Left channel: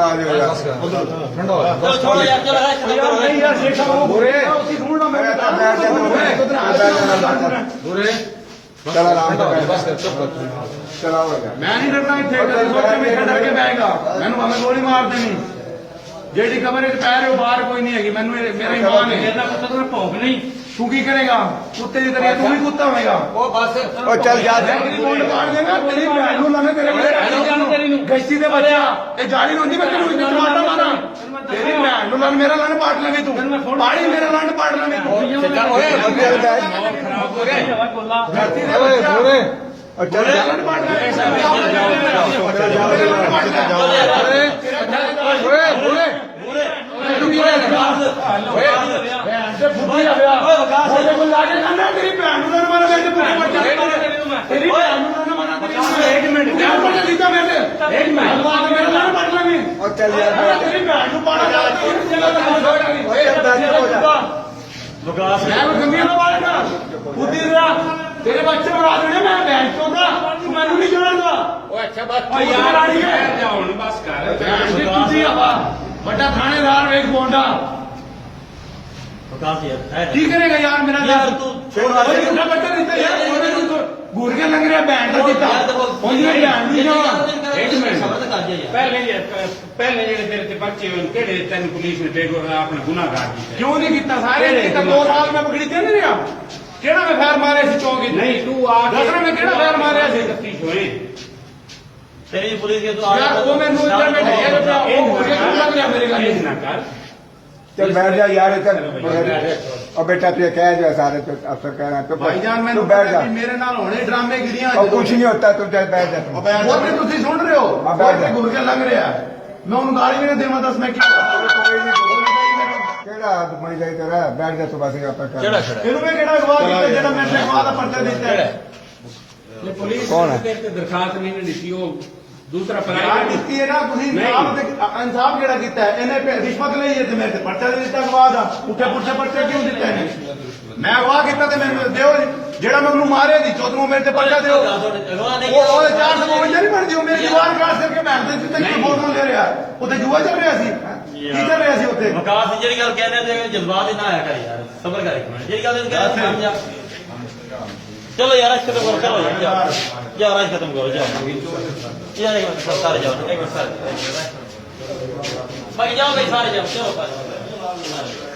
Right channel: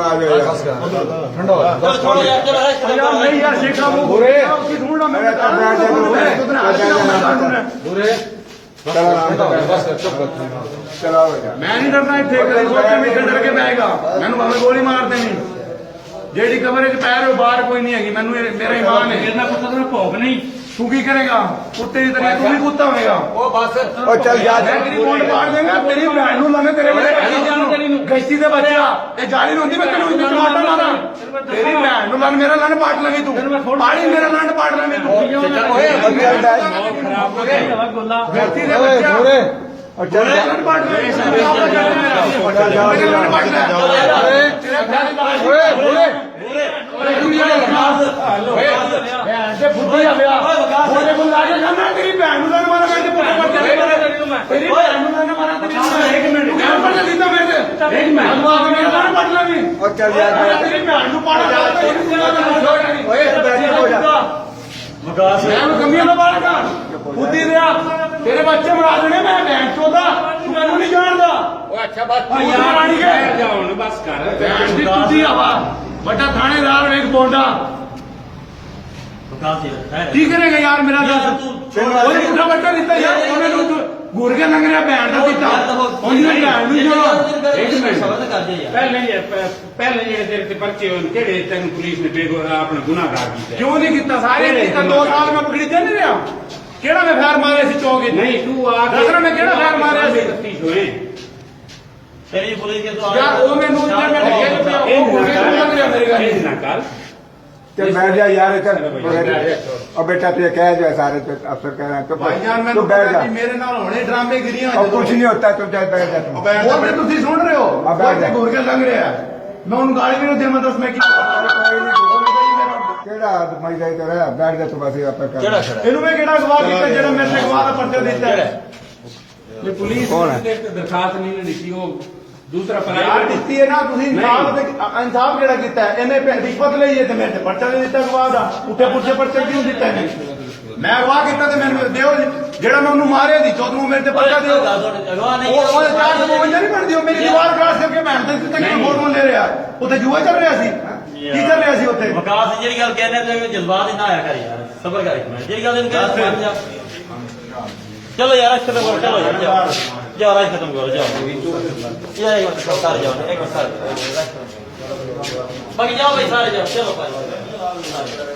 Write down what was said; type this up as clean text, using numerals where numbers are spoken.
आ जाओ यार ठंडा हो छोड़ो यार जरा नहीं यार शेख साहब वो बुरे उसकी ढूंढना मैं बुरे चला बस कर चुप कर चलाओ मैं नहीं डरना इतने डर के बैठेगा मैंने भावे गोली मार देनी जेडी कमरे च पै रहे हो बाहर कोई नहीं है मैनू मेरा ईमान है मेरा कुत्ता तो भौंक नहीं तू की करेगा कुत्ते की तरह तू भी कुत्ता होगा वो बस ओ चल जा मैं तेरी बोंड पाड़ देगा तेरी भैन नू लाने तेरे बड़े गश्ती दे बच्चा ये जाली होंदी मैं तेनू इतना मारना मारा तेरी भैन नू लाने मेरा लाने पाट लगे तू पाड़ी मेरा लाने पाट लगे तू गश्ती दे बच्चा लाने पाट लगे तेरी भैन नू मारा तेरी भैन नू मारा एक मिनट सीधा बैठे और चल जा तेरी भैन नू पाड़ कमियां ना मारेगा बुद्धि दिया तेरे बच्चे बना देने मैं भैन चोदा तू मैनू नहीं जानता अच्छा बस बस कर बड़ा थानेदार एक बोंडा की करेगा यार मेरा झूठा बच्चा दिता यार घूर के लंग रहा भैन का दिता पहले पर्चे तेन पुलिस ने अपना गुनाहगार किया क्यों नहीं किया सारे 2 साल में पकड़ी दे नहीं रहा केड़ा मैं फैर मारे सी चौक नहीं तू दसरा मैं केड़ा फैर मारे सी हुए तेरी पुलिस के तो यार वो मैनू इंटरनेट मेरी गल ना कर चल बैठ जा यार चल और बेटा तू कह जो सारे तो अफसर कह रहे हैं तो भाईजान मैं तू बैठ जा मेरे नाल होने ड्रामे गिरियां और कुछ नहीं होता तुम बैठ जा तुम वो तो तुम सुन रहे हो घूर के लंघ रहा मैं उन गाड़ी में देव दस मैं केड़ा मई जाए तो रह बैठ जा तू बस केड़ा इन्हों में केड़ा गवाह किया जेड़ा मेरे से गवाह का पर्चा दिता है ये पुलिस कौन है? दरखास्त नहीं दी वो दूसरा यार दिती है ना तुम इंसाफ केड़ा किया है इन्हें रिश्वत ली है मेरे से पर्चा दिता गवाह का उठे पुठे पर्चे क्यों दिता है मैं गवाह किया मेरे देव जेड़ा मैं उन्होंने मारे दी चौथ मेरे से पर्चा दो 452 नहीं बनती मेरी दीवार क्रॉस करके मैं फोटो ले रहा उत्थे जुए चल रहा सी की कर रहा सी उत्थे विकास जी गल कहने जज्बात ही ना आया कर यार सबर कर जी गल चलो यार खत्म करो चलो यार आज खत्म करो जाओ सारे जाओ एक सारे बाकी जाओ भाई सारे जाओ चलो